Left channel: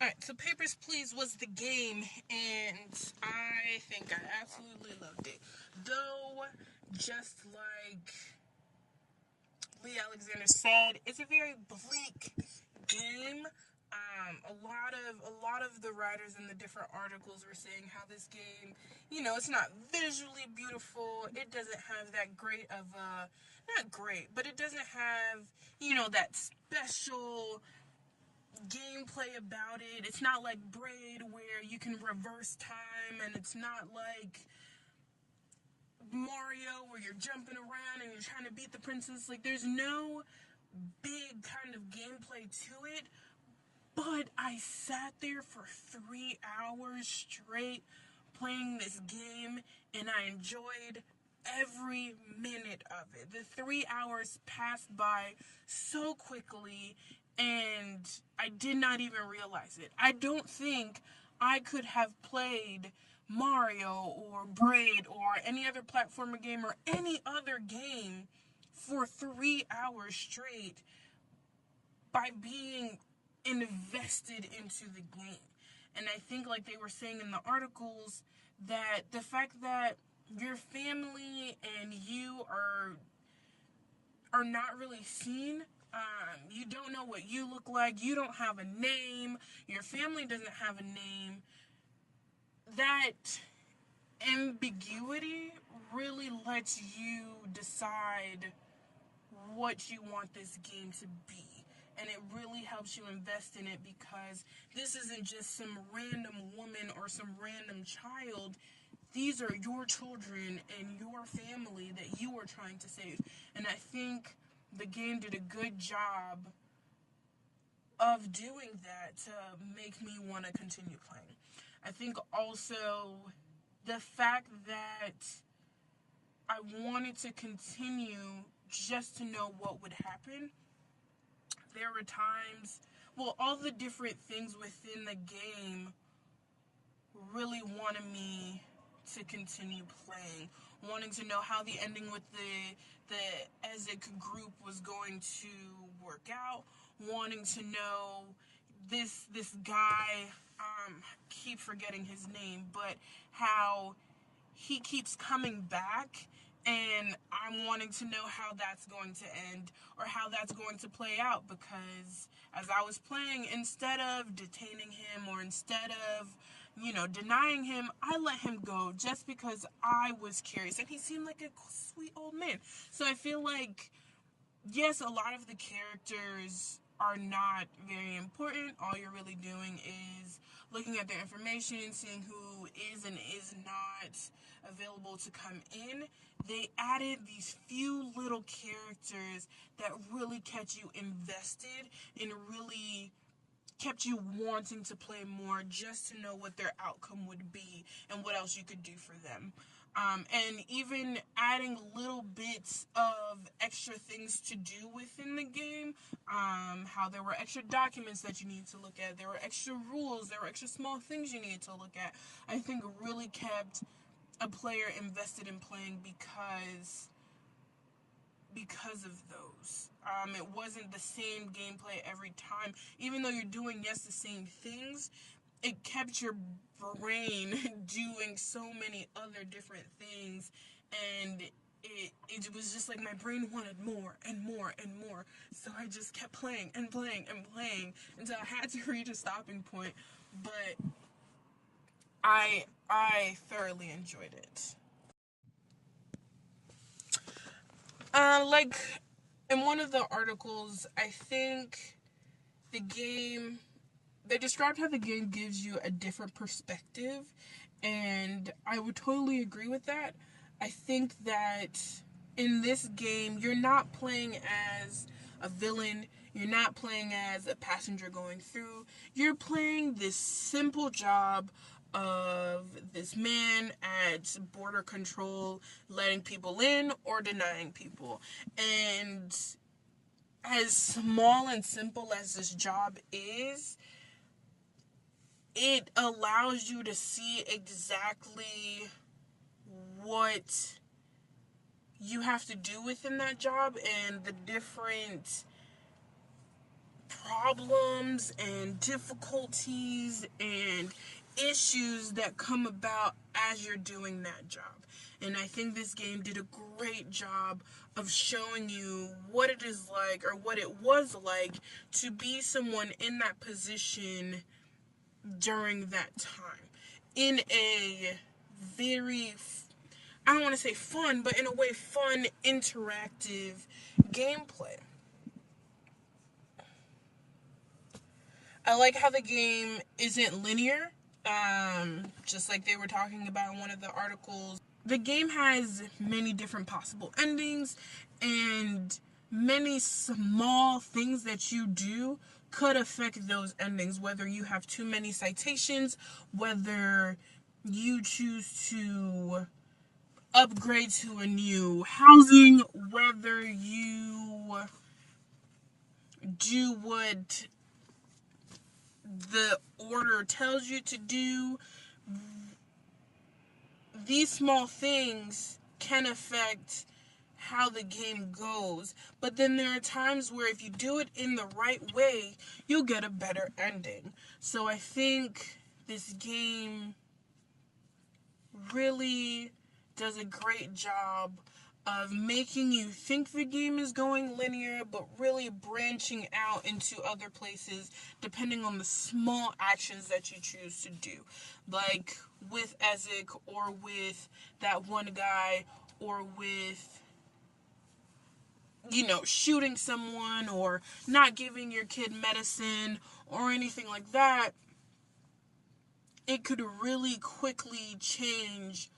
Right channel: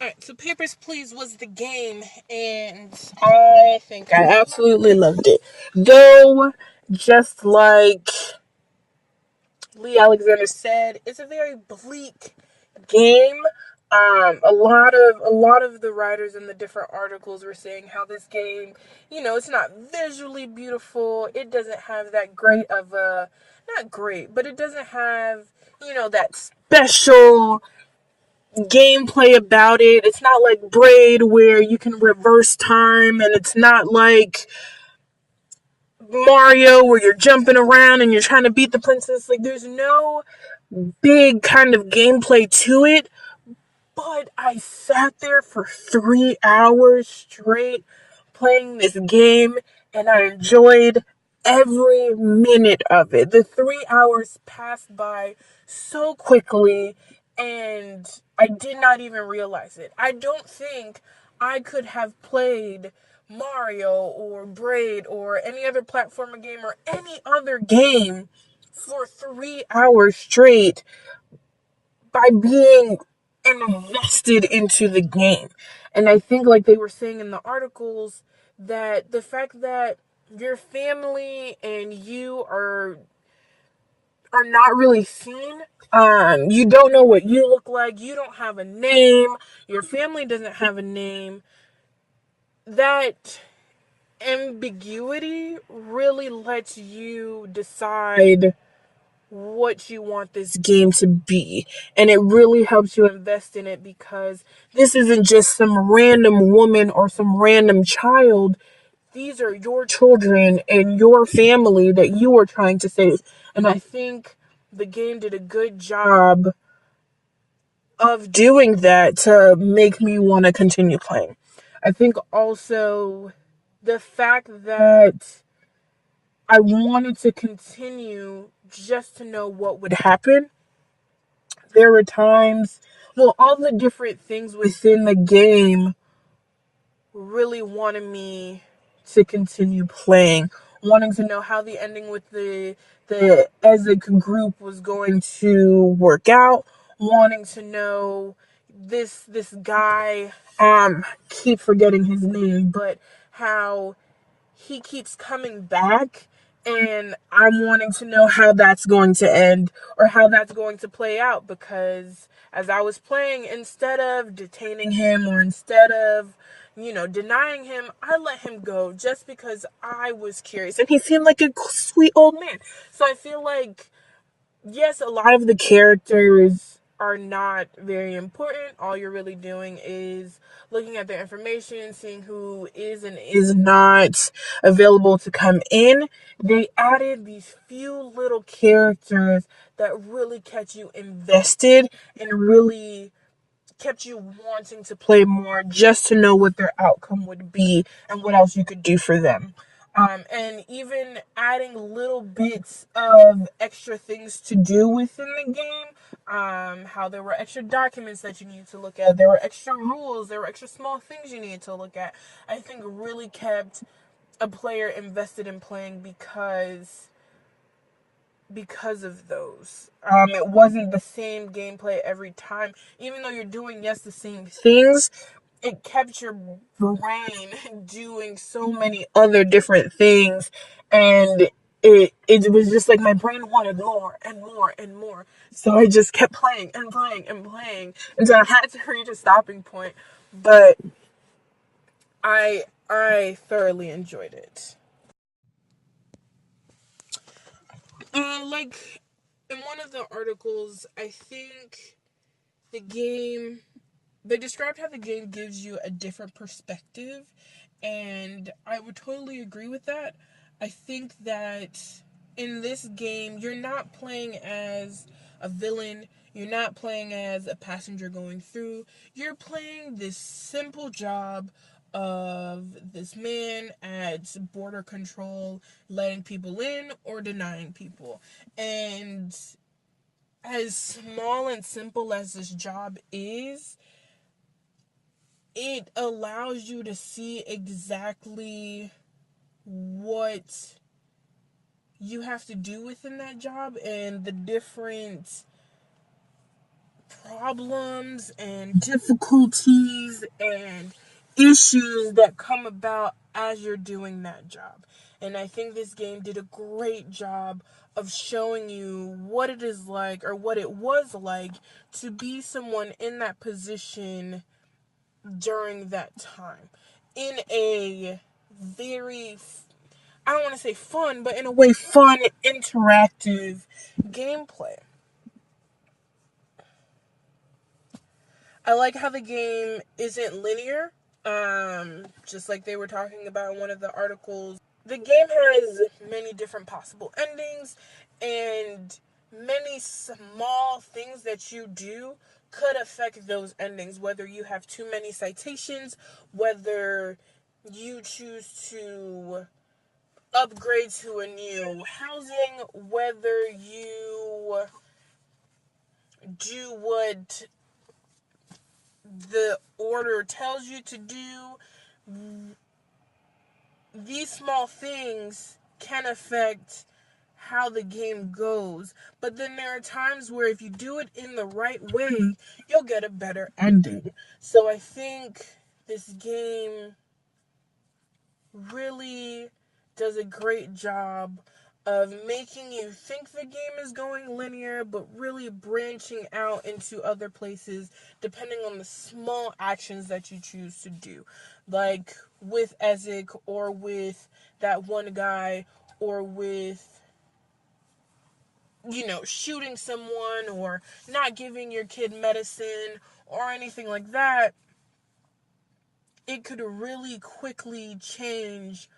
Alright, so Papers, Please was the game, and I think I absolutely loved it. Though, just like Lee Alexander said, it's a very bleak game. A lot of the writers in the different articles were saying how this game, it's not visually beautiful. It doesn't have that great of a, not great, but it doesn't have, that special gameplay about it. It's not like Braid where you can reverse time, and it's not like Mario where you're jumping around and you're trying to beat the princess. Like, there's no big kind of gameplay to it. But I sat there for 3 hours straight playing this game, and I enjoyed every minute of it. The 3 hours passed by so quickly, and I did not even realize it. I don't think I could have played Mario or Braid or any other platformer game or any other game for 3 hours straight by being invested into the game. And I think, like they were saying in the articles, that the fact that your family and you are not really seen. You don't know what you look like. You don't have a name. Your family doesn't have a name. That ambiguity really lets you decide what you want this game to be. And it really helps you invest in it, because this isn't just some random woman or some random child. These are your children and your family that you are trying to save. And I think the game did a good job of doing that to make me want to continue playing. I think also the fact that I wanted to continue just to know what would happen. There were times, well, all the different things within the game really wanted me to continue playing, wanting to know how the ending with the Ezek group was going to work out, wanting to know this guy, keep forgetting his name, but how he keeps coming back, and I'm wanting to know how that's going to end or how that's going to play out, because as I was playing, instead of detaining him or instead of denying him, I let him go just because I was curious, and he seemed like a sweet old man. So I feel like, yes, a lot of the characters are not very important. All you're really doing is looking at their information, seeing who is and is not available to come in. They added these few little characters that really kept you invested and really kept you wanting to play more, just to know what their outcome would be and what else you could do for them. And even adding little bits of extra things to do within the game. How there were extra documents that you needed to look at, there were extra rules, there were extra small things you needed to look at. I think really kept a player invested in playing, because of those. It wasn't the same gameplay every time. Even though you're doing, yes, the same things, it kept your brain doing so many other different things. And it was just like my brain wanted more and more and more. So I just kept playing and playing and playing until I had to reach a stopping point. But I thoroughly enjoyed it. Like in one of the articles, I think the game they described how the game gives you a different perspective, and I would totally agree with that. I think that in this game, you're not playing as a villain, you're not playing as a passenger going through, you're playing this simple job of this man at border control, letting people in or denying people. And as small and simple as this job is, it allows you to see exactly what you have to do within that job and the different problems and difficulties and issues that come about as you're doing that job. And I think this game did a great job of showing you what it is like, or what it was like, to be someone in that position during that time, in a very, I don't want to say fun, but in a way fun, interactive gameplay. I like how the game isn't linear. Just like they were talking about in one of the articles, the game has many different possible endings, and many small things that you do could affect those endings. Whether you have too many citations, whether you choose to upgrade to a new housing, whether you do what the order tells you to do, these small things can affect how the game goes. But then there are times where if you do it in the right way, you'll get a better ending. So I think this game really does a great job of making you think the game is going linear, but really branching out into other places depending on the small actions that you choose to do. Like with Ezek, or with that one guy, or with, shooting someone, or not giving your kid medicine, or anything like that. It could really quickly change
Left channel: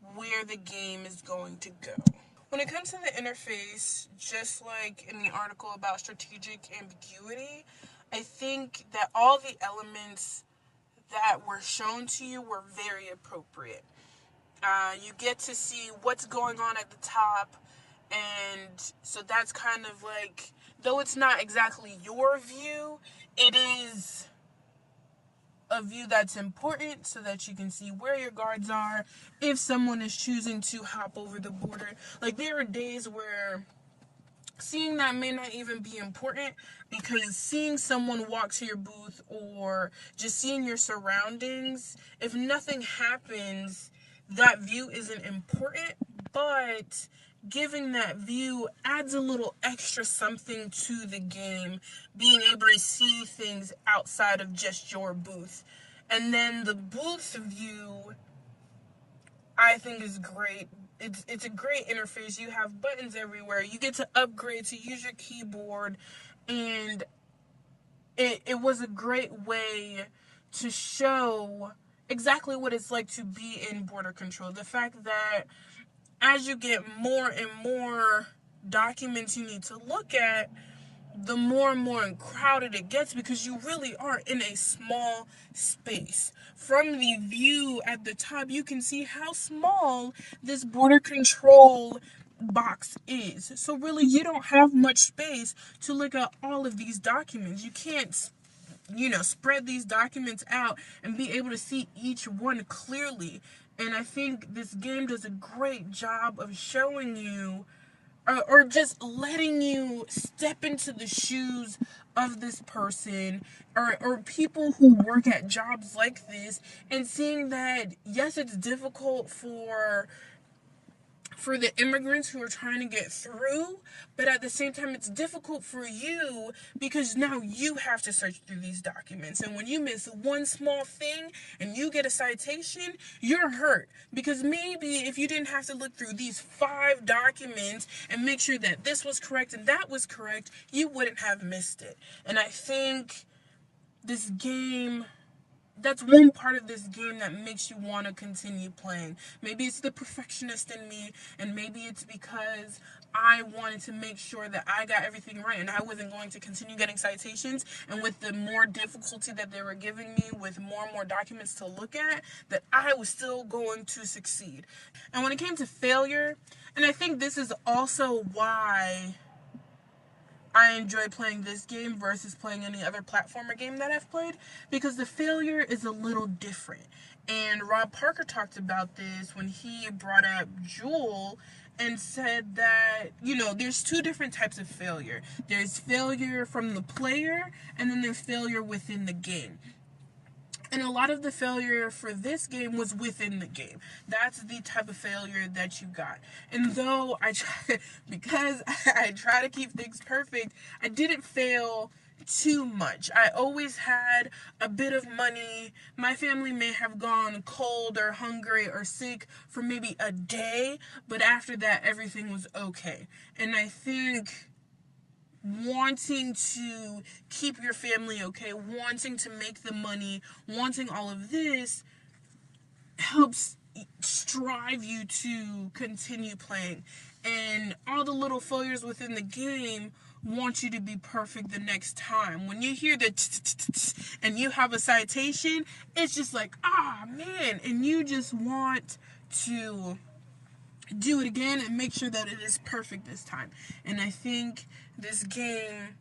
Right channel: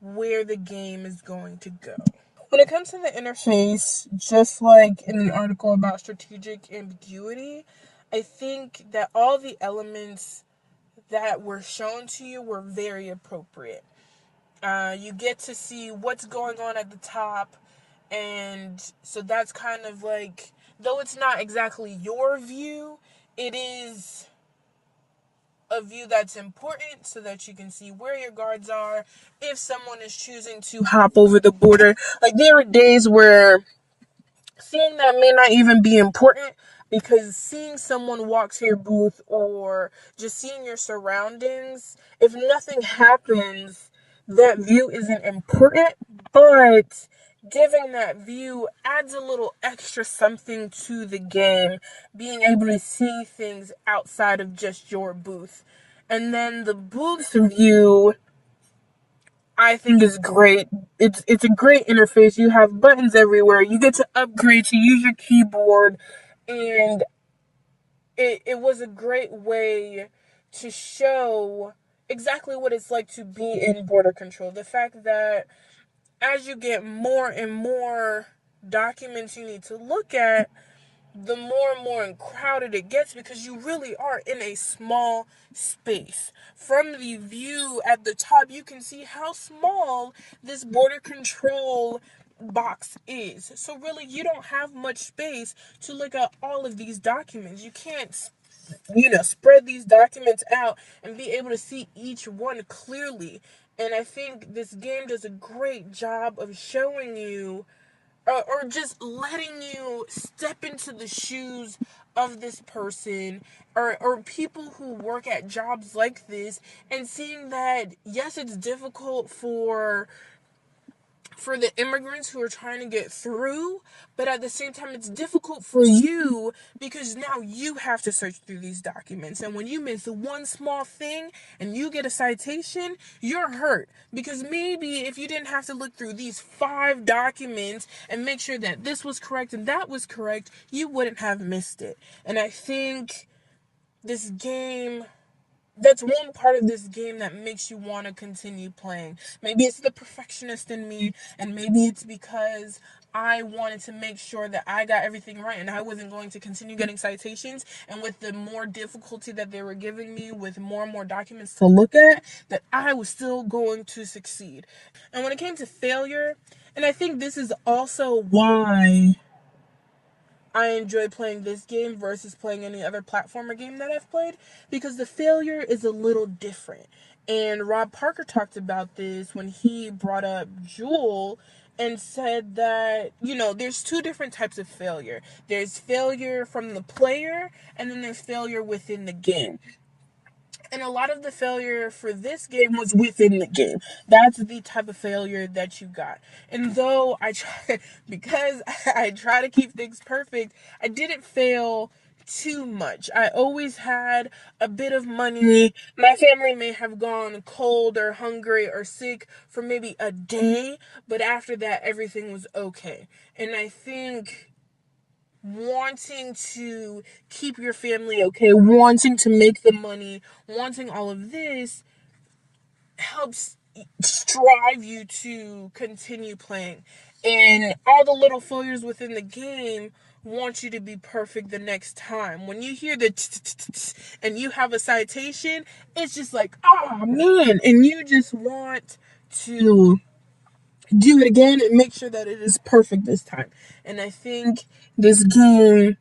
where the game is going to go. When it comes to the interface, just like in the article about strategic ambiguity, I think that all the elements that were shown to you were very appropriate. You get to see what's going on at the top, and so that's kind of like, though it's not exactly your view, it is a view that's important so that you can see where your guards are if someone is choosing to hop over the border. Like, there are days where seeing that may not even be important, because seeing someone walk to your booth, or just seeing your surroundings, if nothing happens, that view isn't important. But giving that view adds a little extra something to the game, being able to see things outside of just your booth. And then the booth view, I think, is great. It's a great interface. You have buttons everywhere. You get to upgrade to use your keyboard, and it was a great way to show exactly what it's like to be in border control. The fact that as you get more and more documents you need to look at, the more and more crowded it gets, because you really are in a small space. From the view at the top, you can see how small this border control box is. So really, you don't have much space to look at all of these documents. You can't, spread these documents out and be able to see each one clearly. And I think this game does a great job of showing you, or just letting you step into the shoes of this person, or people who work at jobs like this, and seeing that, yes, it's difficult for the immigrants who are trying to get through, but at the same time, it's difficult for you, because now you have to search through these documents. And when you miss one small thing and you get a citation, you're hurt, because maybe if you didn't have to look through these 5 documents and make sure that this was correct and that was correct, you wouldn't have missed it. And I think this game, that's one part of this game that makes you want to continue playing. Maybe it's the perfectionist in me, and maybe it's because I wanted to make sure that I got everything right and I wasn't going to continue getting citations. And with the more difficulty that they were giving me, with more and more documents to look at, that I was still going to succeed. And when it came to failure, and I think this is also why I enjoy playing this game versus playing any other platformer game that I've played, because the failure is a little different. And Rob Parker talked about this when he brought up Jewel and said that, there's two different types of failure. There's failure from the player, and then there's failure within the game. And a lot of the failure for this game was within the game. That's the type of failure that you got. And though because I try to keep things perfect, I didn't fail too much. I always had a bit of money. My family may have gone cold or hungry or sick for maybe a day, but after that, everything was okay. And I think wanting to keep your family okay, wanting to make the money, wanting all of this helps strive you to continue playing. And all the little failures within the game want you to be perfect the next time. When you hear the and you have a citation, it's just like, oh man, and you just want to do it again and make sure that it is perfect this time. And I think this game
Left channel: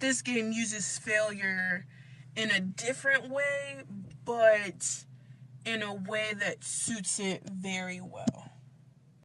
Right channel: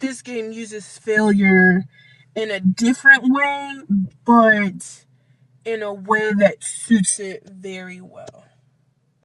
this game uses failure in a different way, but in a way that suits it very well.